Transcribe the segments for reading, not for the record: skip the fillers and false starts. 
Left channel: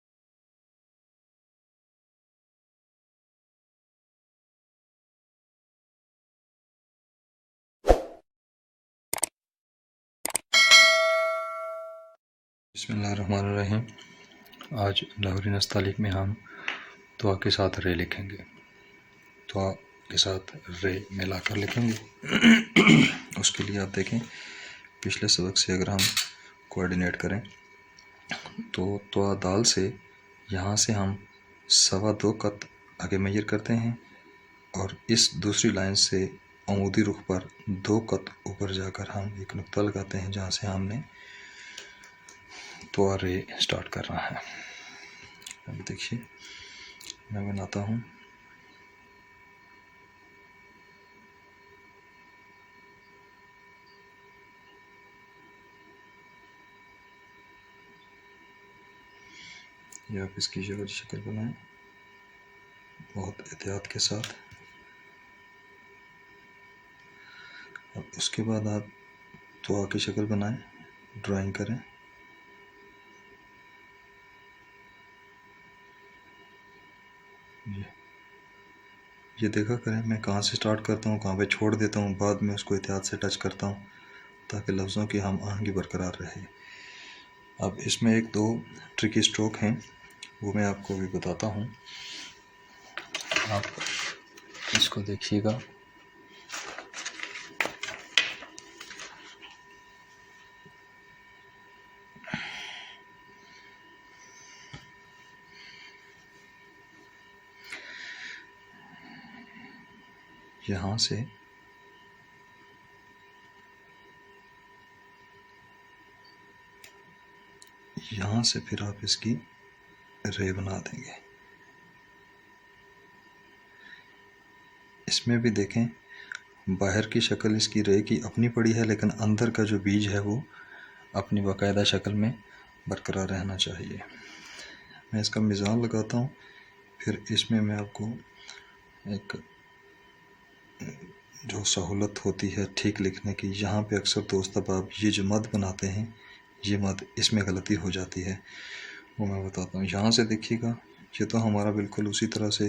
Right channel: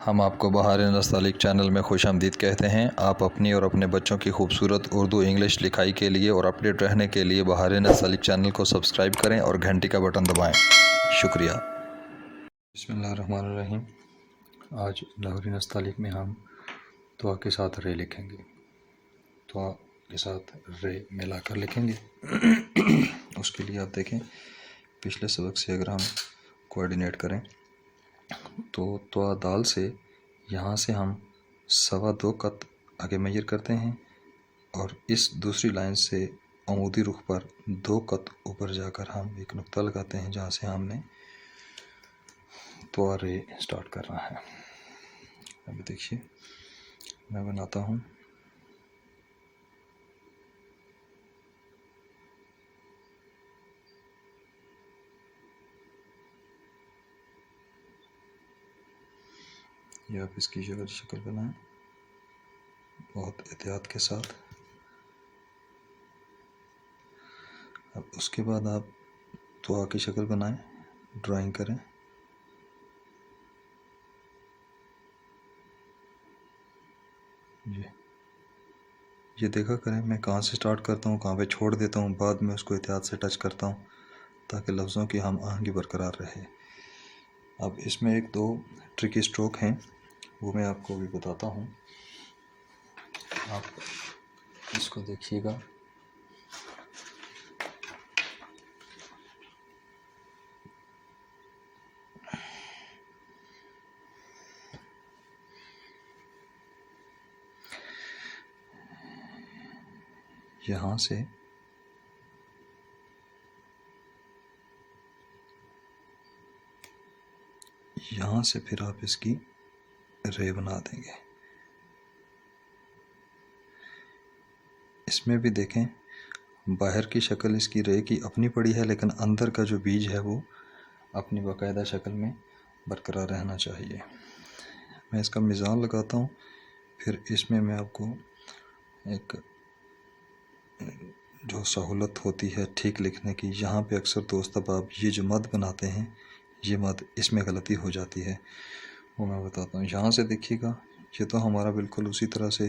हम आपको बहार नस्तालिक चैनल में खुशामदीद कहते हैं। आप अपनी और अपने बच्चों की खूबसूरत उर्दू इंग्लिश लिखाई के लिए और अपडेट रहने के लिए बहार नस्तालिक चैनल को सब्सक्राइब करें और घंटी का बटन दबाएं। शुक्रिया। बिस्मिल्लाहिर्रहमानिर्रहीम। आज लाहौरी नस्तालिक में हम दुआ के साथ रे लिखेंगे। दुआ के साथ रे मिलाकर लिखेंगे। उसके लिए आप देखें, पिछले सबक से अगर हम कोऑर्डिनेट करें तो दुआ दाल से यहाँ से हम 2.25 कत आगे मेजर करते हैं और इस दूसरी लाइन से अमूदी रुख पर 2 कत ऊपर जाकर हम एक नुक्ता लगाते हैं जहाँ से हमने दुआ रे स्टार्ट करना है। अभी देखिए, मैं बनाता हूँ। ये आप इसकी शक्ल बनाएं बहुत एहतियात के साथ। अब उसके बाद आप दुआ की शक्ल बनाएं, ड्राइंग करें। ये देखा करें मैं कहाँ से स्टार्ट करता हूँ, कहाँ पे छोड़ देता हूँ, बाद में उसको एहतियात से टच करता हूँ ताकि लफ्ज़ों की हम आहंगी बरकरार रहे। अब इसमें 1-2 ट्रिकी स्ट्रोक हैं, वो मैं आपको भी बताता हूँ। आप इसको देखिएगा। यहाँ से फिर आप इसकी रे बना देंगे। इसमें भी देखें, बाहर की शक्ल इसकी रे की अपनी पड़ी है, लेकिन अंदर का जो बीज है वो अपनी बाकायदा शक्ल में बरकरार रहना चाहिए। मैं इसका मिज़ान लगाता हूँ, फिर इसमें मैं आपको एक जो सहूलत होती है ठीक लिखने की, यहाँ पे अक्सर दोस्त अब आप ये जो मद बनाते हैं, ये मद इसमें गलती हो जाती है, वो मैं बताता हूँ। यहाँ से देखिएगा, ये तो हमारा बिल्कुल उसी तरह से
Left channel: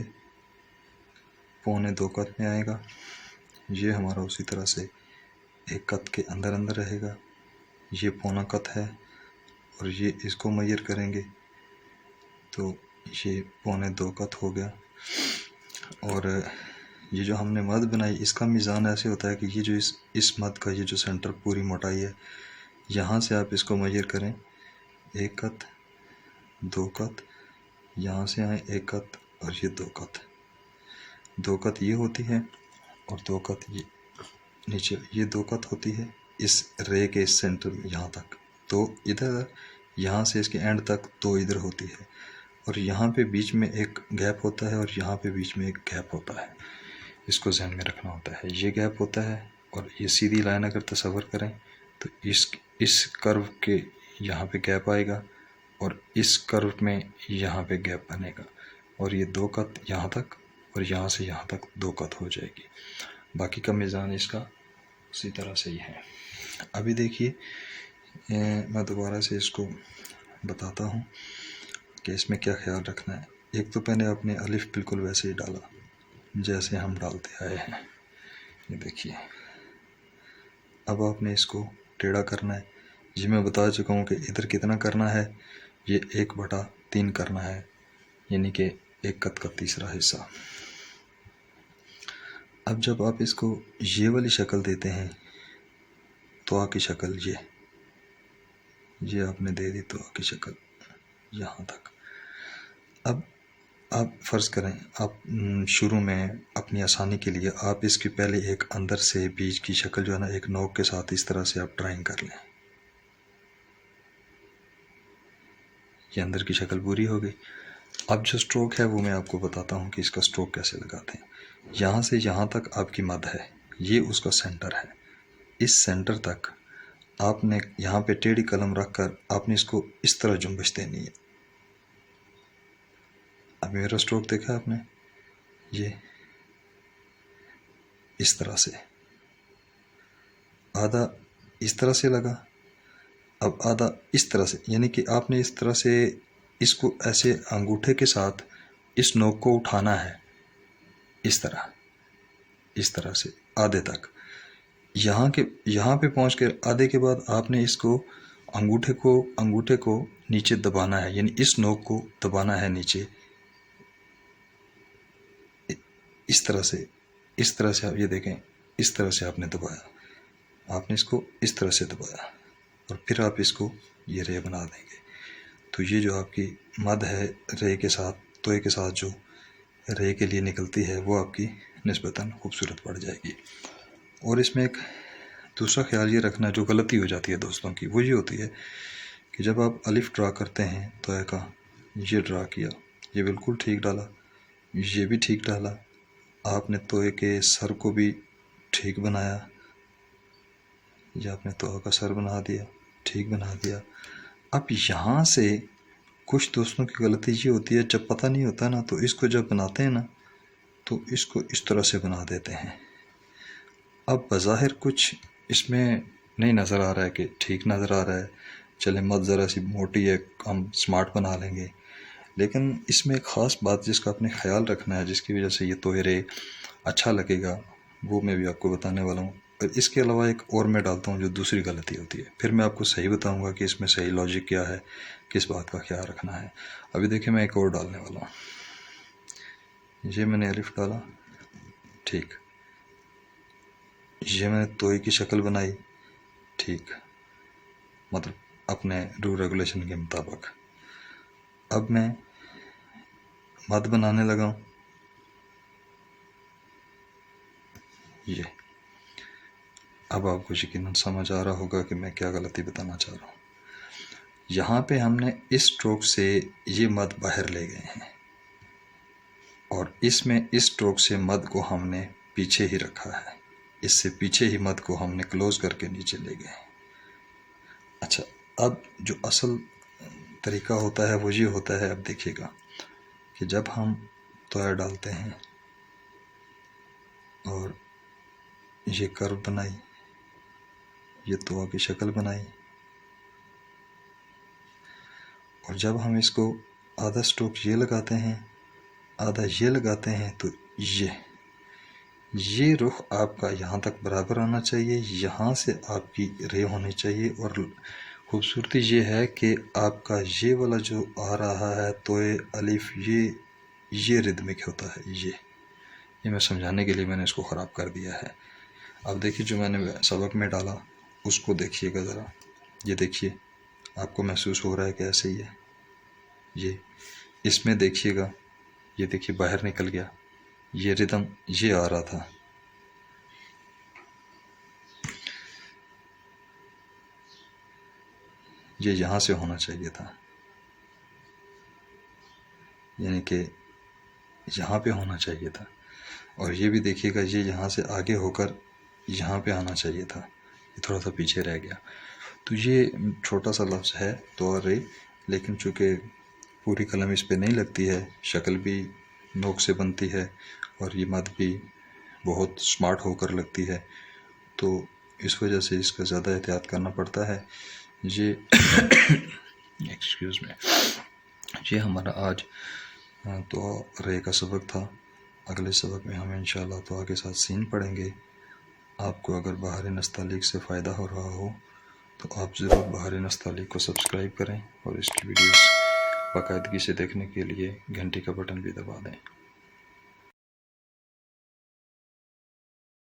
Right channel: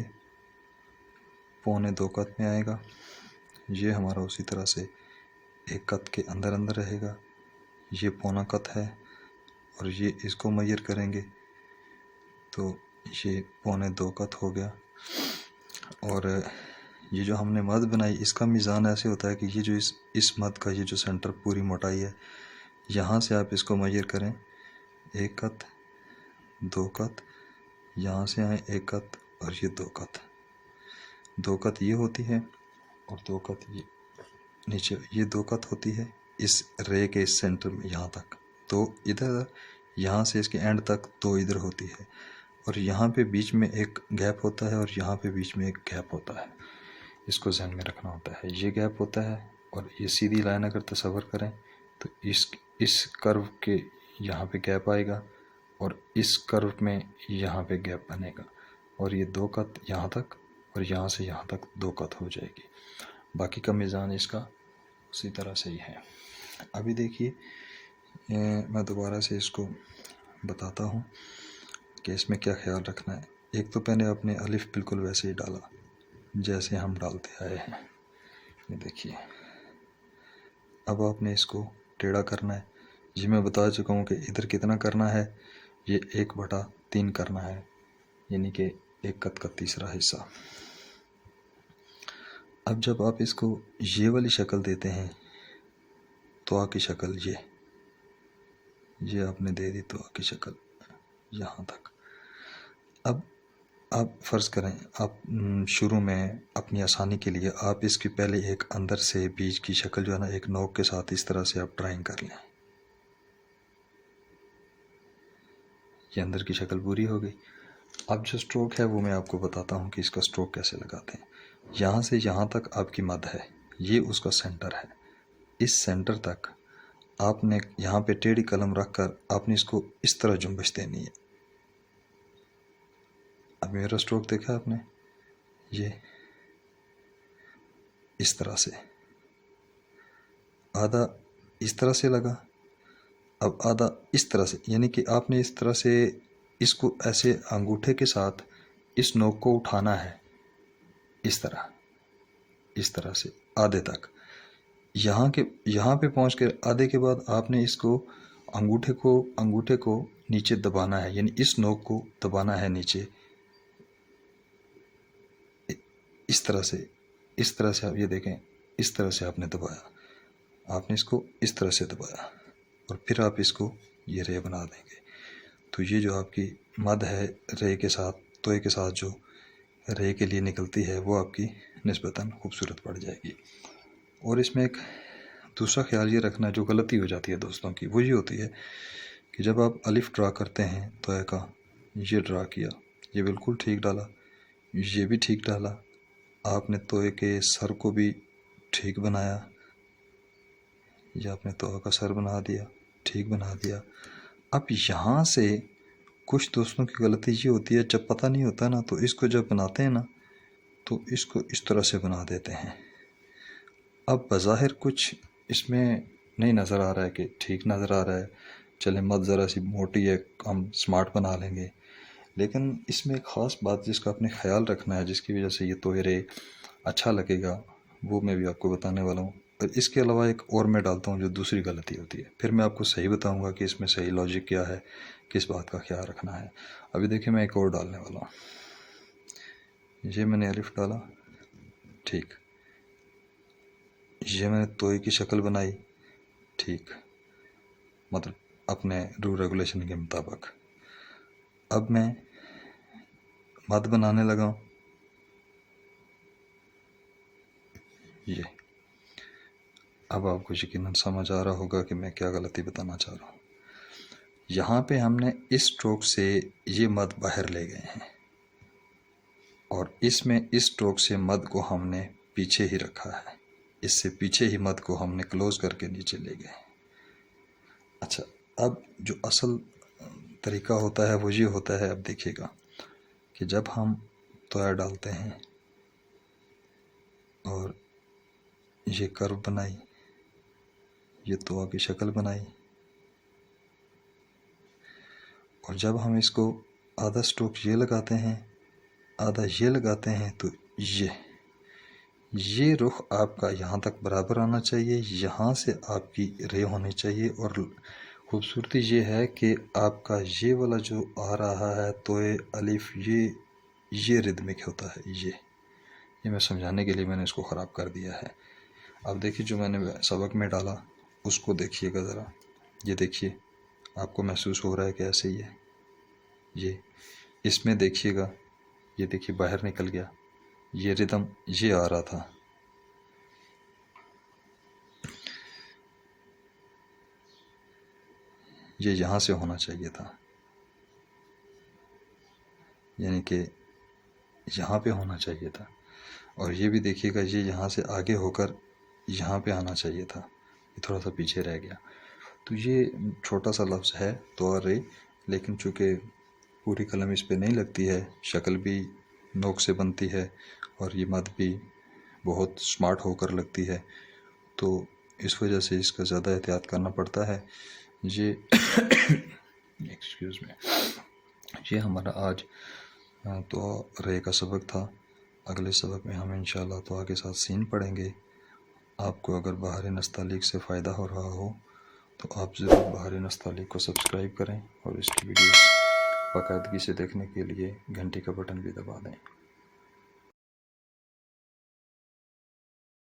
2.25 कत में आएगा। ये हमारा उसी तरह से 1 कत के अंदर अंदर रहेगा। ये 1.25 कत है और ये इसको मेजर करेंगे तो ये 2.25 कत हो गया। और ये जो हमने मद बनाई, इसका मिज़ान ऐसे होता है कि ये जो इस मद का ये जो सेंटर पूरी मोटाई है, यहाँ से आप इसको मेजर करें 1 कत, 2 कत, यहाँ से आए 1 कत और ये 2 कत। 2 कत ये होती है और 2 कत ये नीचे, ये 2 कत होती है इस रे के इस सेंटर में यहाँ तक। तो इधर यहाँ से इसके एंड तक 2 इधर होती है और यहाँ पे बीच में एक गैप होता है और यहाँ पे बीच में एक गैप होता है। इसको ध्यान में रखना होता है। ये गैप होता है और ये सीधी लाइन अगर तस्वर करें तो इस कर्व के यहाँ पे गैप आएगा और इस कर्व में यहाँ पे गैप बनेगा और ये 2 कत यहाँ तक और यहाँ से यहाँ तक 2 कत हो जाएगी। बाकी का मिज़ान इसका उसी तरह से ही है। अभी देखिए, मैं दोबारा से इसको बताता हूँ कि इसमें क्या ख्याल रखना है। एक तो पहले आपने अलिफ बिल्कुल वैसे ही डाला जैसे हम डालते आए हैं, ये देखिए। अब आपने इसको टेढ़ा करना है। जी मैं बता चुका हूँ कि इधर कितना करना है, ये 1/3 करना है, यानी कि 1 कत का तीसरा हिस्सा। अब जब आप इसको ये वाली शक्ल देते हैं, दुआ की शक्ल, ये आपने दे दी दुआ की शक्ल यहाँ तक। अब आप फ़र्ज़ करें, आप शुरू में अपनी आसानी के लिए आप इसकी पहले एक अंदर से बीज की शक्ल जो है ना, एक नोक के साथ इस तरह से आप ड्राइंग कर लें। ये अंदर की शक्ल पूरी हो गई। अब जो स्ट्रोक है वो मैं आपको बताता हूँ कि इसका स्ट्रोक कैसे लगाते हैं। यहाँ से यहाँ तक आपकी मद है, ये उसका सेंटर है। इस सेंटर तक आपने यहाँ पे टेढ़ी कलम रख कर आपने इसको इस तरह जुम्बिश देनी है। अब मेरा स्ट्रोक देखा आपने, ये इस तरह से, आधा इस तरह से लगा, अब आधा इस तरह से, यानी कि आपने इस तरह से इसको ऐसे अंगूठे के साथ इस नोक को उठाना है, इस तरह से आधे तक। यहाँ पे पहुँच कर आधे के बाद आपने इसको अंगूठे को नीचे दबाना है, यानी इस नोक को दबाना है नीचे, इस तरह से आप ये देखें, इस तरह से आपने दबाया, आपने इसको इस तरह से दबाया और फिर आप इसको ये रे बना देंगे। तो ये जो आपकी मद है रे के साथ, तोय के साथ जो रे के लिए निकलती है, वो आपकी निस्बतन खूबसूरत पड़ जाएगी। और इसमें एक दूसरा ख्याल ये रखना, जो गलती हो जाती है दोस्तों की, वो ये होती है कि जब आप अलिफ ड्रा करते हैं तोय का, ये ड्रा किया, ये बिल्कुल ठीक डाला, ये भी ठीक डाला, आपने तोय के सर को भी ठीक बनाया, ये आपने तोय का सर बना दिया, ठीक बना दिया। अब यहाँ से कुछ दोस्तों की गलती ये होती है, जब पता नहीं होता ना, तो इसको जब बनाते हैं ना, तो इसको इस तरह से बना देते हैं। अब बज़ाहिर कुछ इसमें नहीं नज़र आ रहा है कि ठीक नज़र आ रहा है, चले मत ज़रा सी मोटी है, हम स्मार्ट बना लेंगे, लेकिन इसमें एक ख़ास बात जिसका आपने ख्याल रखना है, जिसकी वजह से ये तोय रे अच्छा लगेगा, वो मैं भी आपको बताने वाला हूँ। और इसके अलावा एक और मैं डालता हूँ जो दूसरी गलती होती है, फिर मैं आपको सही बताऊँगा कि इसमें सही लॉजिक क्या है, किस बात का ख्याल रखना है। अभी देखिए मैं एक और डालने वाला हूँ, ये मैंने अलिफ डाला, ठीक, ये मैंने तोय की शक्ल बनाई, ठीक, मतलब अपने रूल रेगुलेशन के मुताबिक। अब मैं मद बनाने लगा हूँ, ये अब आपको यकीनन समझ आ रहा होगा कि मैं क्या गलती बताना चाह रहा हूँ। यहाँ पे हमने इस स्ट्रोक से ये मद बाहर ले गए हैं और इसमें इस स्ट्रोक से मद को हमने पीछे ही रखा है, इससे पीछे ही मद को हमने क्लोज करके नीचे ले गए। अच्छा, अब जो असल तरीका होता है वो ये होता है, अब देखिएगा कि जब हम तोया डालते हैं और ये कर्व बनाई, ये तोया की शक्ल बनाई, और जब हम इसको आधा स्ट्रोक ये लगाते हैं, आधा ये लगाते हैं, तो ये रुख आपका यहाँ तक बराबर होना चाहिए, यहाँ से आपकी रे होनी चाहिए। और खूबसूरती ये है कि आपका ये वाला जो आ रहा है तोय अलिफ, ये रिदमिक होता है। ये मैं समझाने के लिए मैंने इसको ख़राब कर दिया है। अब देखिए जो मैंने सबक में डाला उसको देखिएगा ज़रा, ये देखिए आपको महसूस हो रहा है कि ऐसे ही है। ये इसमें देखिएगा, ये देखिए बाहर निकल गया, ये रिदम ये आ रहा था, ये यहाँ से होना चाहिए था, यानी कि यहाँ पे होना चाहिए था। और ये भी देखिएगा, ये यहाँ से आगे होकर यहाँ पे आना चाहिए था, ये थोड़ा सा पीछे रह गया। तो ये छोटा सा लफ्ज़ है तो रे, लेकिन चूँकि पूरी कलम इस पे नहीं लगती है, शक्ल भी नोक से बनती है और ये मद भी बहुत स्मार्ट होकर लगती है, तो इस वजह से इसका ज़्यादा एहतियात करना पड़ता है। ये एक्सक्यूज़ में, ये हमारा आज तो रे का सबक था। अगले सबक में हम इंशाल्लाह तो के साथ सीन पढ़ेंगे। आपको अगर बहार नस्तालिक से फ़ायदा हो रहा हो तो आप ज़रूर बहार नस्तालिक को सब्सक्राइब करें और इसकी वीडियोस बाकायदगी से देखने के लिए घंटी का बटन भी दबा दें।